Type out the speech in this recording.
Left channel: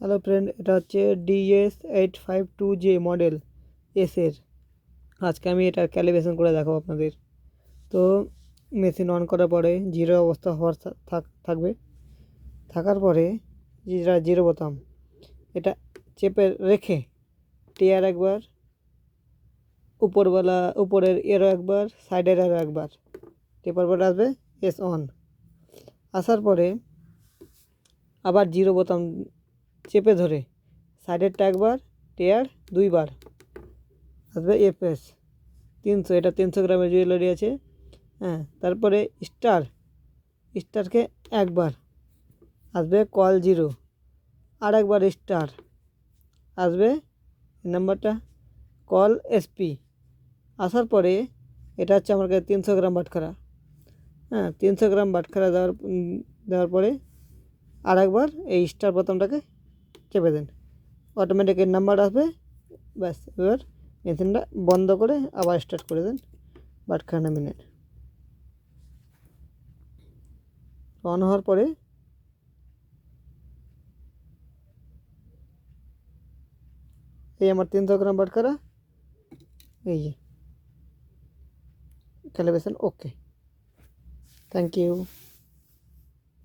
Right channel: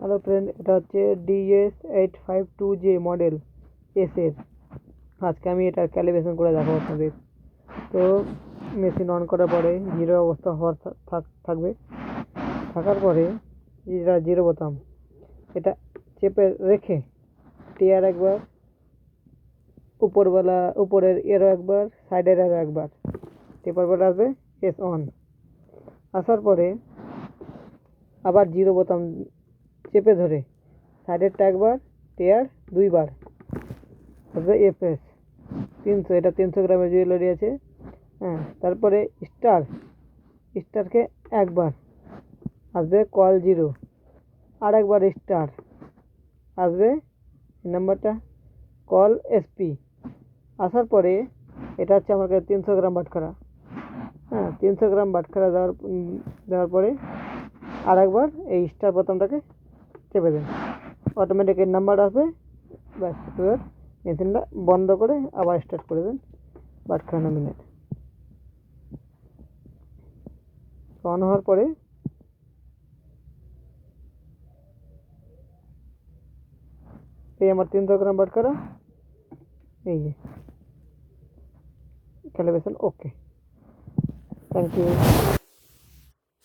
Hello friend, এটা হচ্ছে DS852J model এর। আজকে আমি এটা ক্যালিব্রেশন করে দেখাবো আপনাদের। তো মেশিন অন করার পরে জিরো অবস্থা হওয়ার থাকবে। থাকার পরে যেটা জিরো বোতাম, এটা চেপে রেখে টিয়ার একবার, উপরের এরও একবার, সাইডের এরও একবার টেপার পরে আসবে এস অন। আসার পরে আবার জিরো বোতাম চেপে ধরে সাইডেরটা একবার, টেয়ার দুইবার আসবে FS 300। এটা 300 গ্রামের জুয়েলারি আছে। হ্যাঁ, তারপরে স্টারকে একবার আসবে, কল জিরো আর একবার স্টার আসবে, নাম্বারটা কল SP। আসার পরে এটা হচ্ছে আমার কাছে 300 গ্রাম বাটখারা। হ্যাঁ, 300 গ্রাম বাটখারা দেওয়ার পরে আর একবার এই স্টার বোতামটাকে চেপে দেন, অটোমেটিক এর নাম্বার আসবে। ব্যাস, এবার মেশিনটা বন্ধ করে আবার স্টার্ট করে দেন। বাটখারা নামিয়ে নেন। অন হওয়ার পরে এই আমার 300 গ্রাম বাটখারা, এই যে ক্যালিব্রেশন ওকে। Thank you.